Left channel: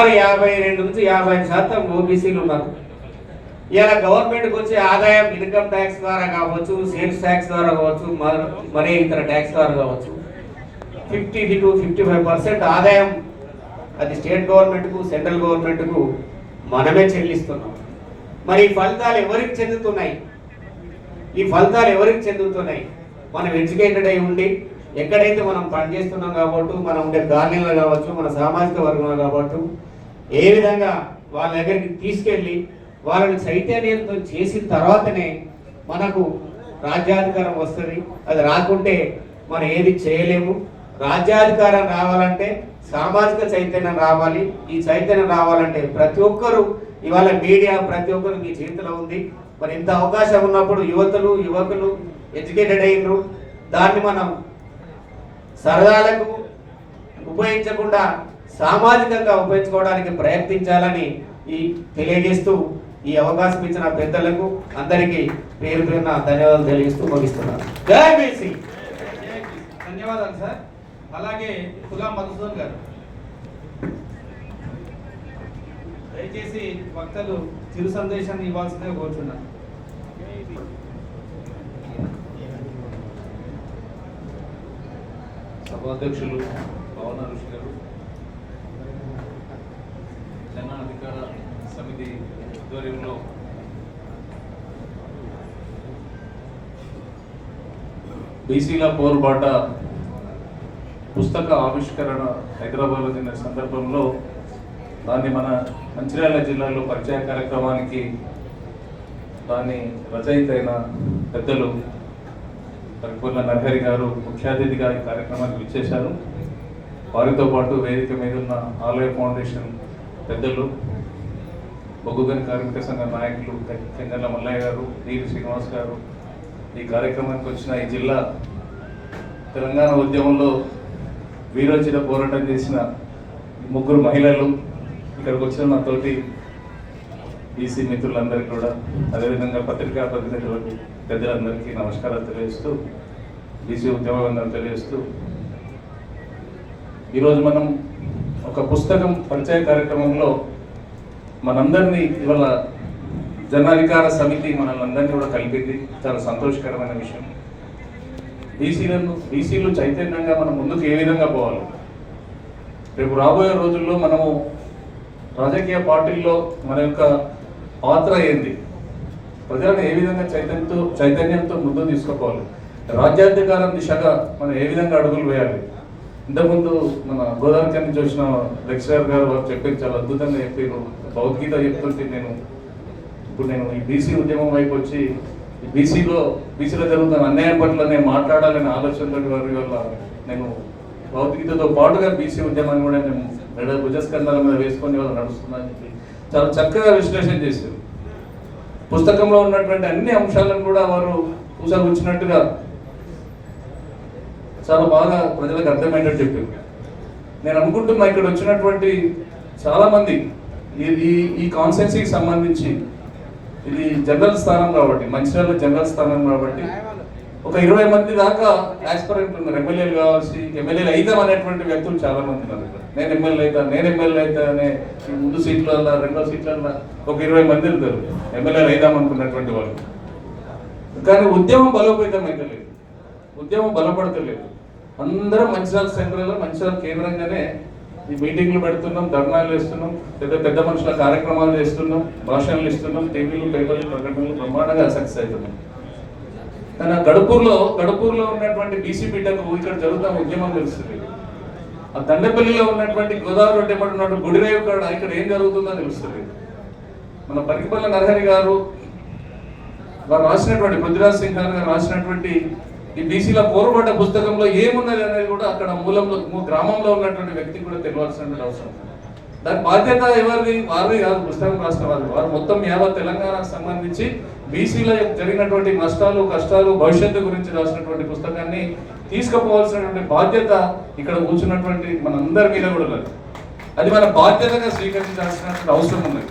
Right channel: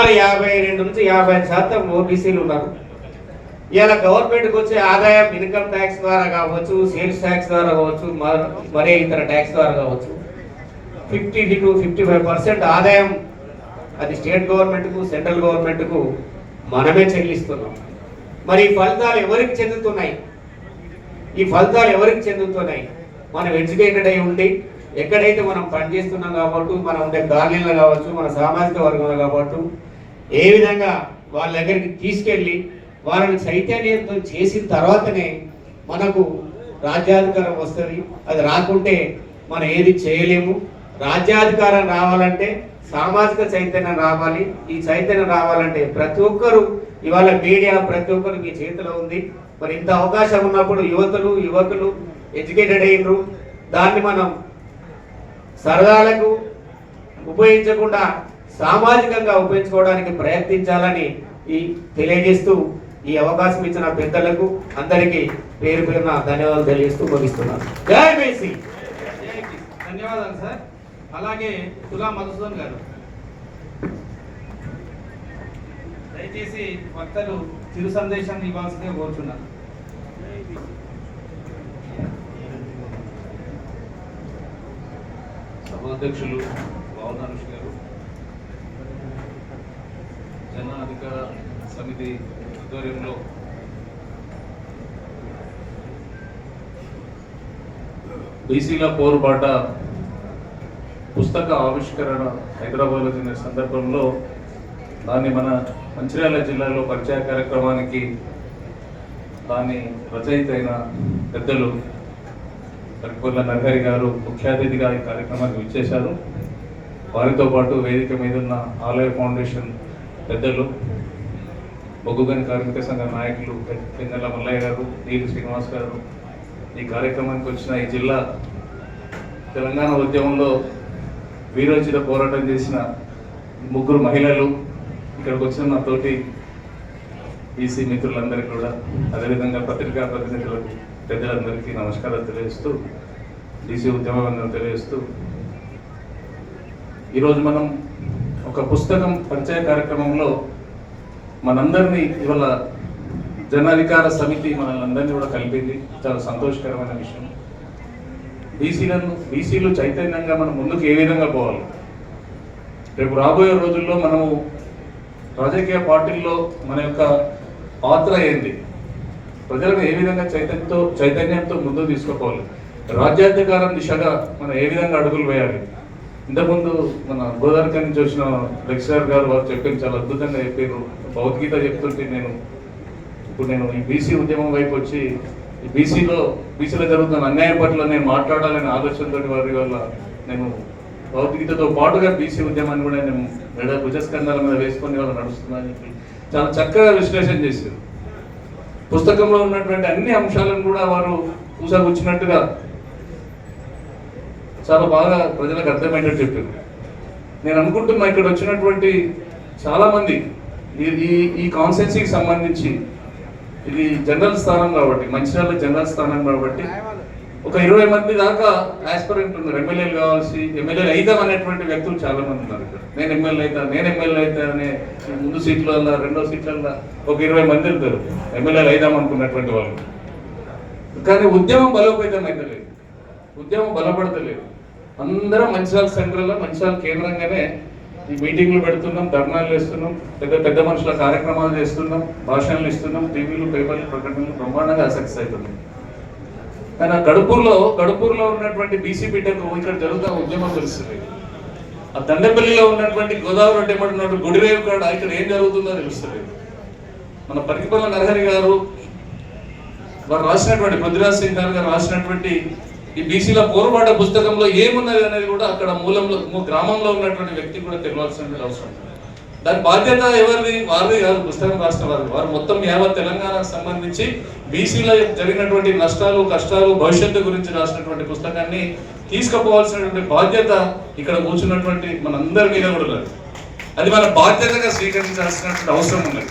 52 నుంచి 50% ఓబీసీలు ఉన్నారు. ఇలా గవర్నమెంట్కి వచ్చే ఆదాయం ఇన్కమ్ ట్యాక్స్ ద్వారా కావచ్చు, సేల్స్ ట్యాక్స్ ద్వారా కావచ్చు, మరే ఇతర ట్యాక్స్ ద్వారా కావచ్చు 50 to 55% ఆదాయం అది స్టేట్ గవర్నమెంట్కు, సెంట్రల్ గవర్నమెంట్కు మనమే చెల్లిస్తున్నాం. మరి ఈ ఫలితాలు ఎవరికి చెందుతున్నాయి? మనం ఎడ్యుకేటెడ్ అయి ఉండి ఎక్కడైతే మనం పనిచేస్తున్నాం కాబట్టి, మనం ఉండే గార్డెన్లో కావచ్చు, మన సామాజిక వర్గంలో కావచ్చు, ఏ విధంగా వాళ్ళ దగ్గరికి తీసుకెళ్ళి వాళ్ళని చైతన్యంతో చేసిన తర్వాతనే మనకు రాజ్యాధికారం వస్తుంది. అది రాకుంటే మనం ఏది చేయలేము. రాజ్యాధికారం రావాలంటే సామాజిక చైతన్యం రావాలి. ఈ చైతన్యం రావాలంటే ప్రతి ఒక్కరూ, ఇవాళ మీడియా ప్రతి ఒక్కరు మీ చేతిలో ఉంది. మరి ఇంత అవకాశం ఉన్నప్పుడు యువకులు ఎడ్యుకేటెడ్ అయినరు, దాన్ని మనం సరదాలకు ఉపయోగించకుండా సామాజికంగా ఉపయోగించుకోవడానికి ప్రయత్నించాలని తెలియజేస్తూ ఈ అవకాశం ఇచ్చిన పెద్దలకు అందరికీ పేరు పేరున ధన్యవాదాలు తెలియజేస్తూ ముగిస్తున్నాను. జై బీసీ. ధన్యవాదాలు సార్. అలాగే తులా మధుసూదన్ గారు, దయచేసి వక్తలు చిరు సందేశాన్ని ఇవ్వాల్సిందిగా కోరుచున్నారు. సభాధ్యక్షులు గవర్నర్ గారు, జన అధికార సమితి ఆధ్వర్యంలో బీసీల పోరుబాట పుస్తక ఆవిష్కరణ హైదరాబాద్లో జరిగిన సందర్భంలో దాన్ని మన మంచిర్యాల జిల్లాలో పరిచయ కార్యక్రమానికి దాని రచయిత అయిన పెద్దలు కర్పూర్ల నరహరి గారు ముఖ్య అతిథిగా ఈ కార్యక్రమానికి విచ్చేశారు. వారితో పాటు వేదిక మీద ఉన్న ఆలయ ఫౌండేషన్ పెద్దలు, బొగ్గుగని కార్మిక సంఘ నాయకులు కిందల మల్లయ్య గారు, ఈరు శ్రీనివాస్ గారు, ఈ కార్యక్రమానికి వచ్చిన ఈ జిల్లా తెలంగాణ ఉద్యమంలో వీరోచిత పోరాటం చేసిన 3 మహిళలు, ఇక్కడికి వచ్చిన మా తోటి బీసీ మిత్రులందరికీ కూడా, అదేవిధంగా పత్రికా ప్రతినిధులకు పెద్దలందరికీ నమస్కారాలు తెలియజేస్తూ, బీసీ ఉద్యమం తెలియజేస్తూ, ఈరోజు మనం ఒక పుస్తకం పరిచయ కార్యక్రమంలో మనందరినీ ఇవాళ జనాధికార సమితి మనల్ని కూడా కలిపింది. చాలా సంతోషకరమైన విషయం. బీసీలు చైతన్యంగా మనం ముందుకు ఏ విధంగా పోవాలి, రేపు రాబోయే రోజుల్లో మనము రాజకీయ పార్టీల్లో మన యొక్క పాత్ర ఏంటి, ప్రజలను ఏ విధంగా చైతన్యంతో ముందుకు తీసుకుపోవాలి, రాజ్యాధికారం దిశగా మనం ఏ విధంగా అడుగులు వేయాలి. ఇంతకుముందు మన గోదావరి నుంచి వచ్చిన లెక్చరర్ గారు వారు చెప్పింది చాలా అద్భుతంగా చెప్పారు. భగవద్గీత చెప్తుంటే ఇప్పుడు నేను ఈ బీసీ ఉద్యమం వైపు వచ్చి ఈ బీసీలో జరుగుతున్న అన్యాయం పట్ల నేను మాట్లాడాలనే ఆలోచనతో వారి వల్ల నేను భగవద్గీతతో పాటుగా బీసీ ఉద్యమాన్ని కూడా నేను భుజస్కంధాల మీద వేసుకొని వాళ్ళు నడుస్తున్నాను. చాలా చక్కగా విశ్లేషణ చేశారు. పుస్తకంలో ఉన్నటువంటి అన్ని అంశాలను కూడా వారు కూర్చోబుచ్చినట్టుగా చాలా బాగా ప్రజలకు అర్థమైనట్టు చెప్పారు. నేను అనుకుంటున్నా ఇక్కడ వచ్చినటువంటి చాలామంది ఈ కాన్స్టిట్యున్సీకి సంబంధించి ఇది జనరల్ స్థానం కాబట్టి, మంచిర్యాల జనరల్ స్థానం కాబట్టి ఒక 20 మంది దాకా ఆస్పిరెంట్ ఉన్నారు. ఎమ్మెల్యేలు అవుతాం అనేటువంటి వ్యక్తులు చాలా మంది ఉన్నారు. నేను ఎమ్మెల్యే అవుతా అనే ముందు సీట్లో ఉన్నా, రెండో సీట్లో ఉన్నా ఒక 20 మంది ఉంటారు ఎమ్మెల్యేలు అవుదాం అనుకున్నటువంటి వాళ్ళు. కానీ ఉద్యమం బలోపేతం అవుతలేదు, ఉద్యమం బలపడతలేదు. అందరం మంచిర్యాల సెంట్రల్లో, మంచిర్యాల కేంద్రంగానే ఈ మీటింగ్లు పెడుతున్నాం, ధర్నాలు చేస్తున్నాం, పెద్ద మనుషుల కార్యక్రమాలు చేస్తున్నాం, భాషణలు ఇస్తున్నాం, టీవీలు, పేపర్లు, ప్రకటనలు బ్రహ్మాండంగా సక్సెస్ అవుతున్నాం. కానీ ఆ గడుపూరులో ఉన్నటువంటి బీసీ బిడ్డకు ఇక్కడ జరుగుతున్న ఉద్యమం తెలుస్తుంది. ఆ దండపల్లిలో ఉన్నటువంటి గోదావరి రెడ్డి ఏమంటున్నట్టు గుడిరేవు కాడ ఇక్కడ ఏం జరుగుతుందో తెలుస్తుంది. మన పరికిపల్ల నరహరి గారు వారు రాసినటువంటి, పృథ్వీరాజ్ సింగ్ గారు రాసినటువంటి ఈ బీసీల పోరుబాట పుస్తకంలో ఏమున్నది అనేది కూడా అక్కడ గ్రామంలో ఉన్నటువంటి వ్యక్తికి కూడా తెలియాల్సిన అవసరం. దాని బాధ్యత ఎవరిది? వారిది కాదు, పుస్తకం రాసిన వారు మొత్తం యావత్ తెలంగాణకు సంబంధించి బీసీలో జరిగినటువంటి నష్టాలు, కష్టాలు, భవిష్యత్తు గురించి రాసినటువంటి పుస్తకాన్ని తీసుకుపోవాల్సినటువంటి బాధ్యత ఇక్కడ కూర్చున్నటువంటి మనందరి మీద కూడా లేదు. అది మన బాధ్యతగా స్వీకరించాల్సినటువంటి అవసరం ఉన్నది.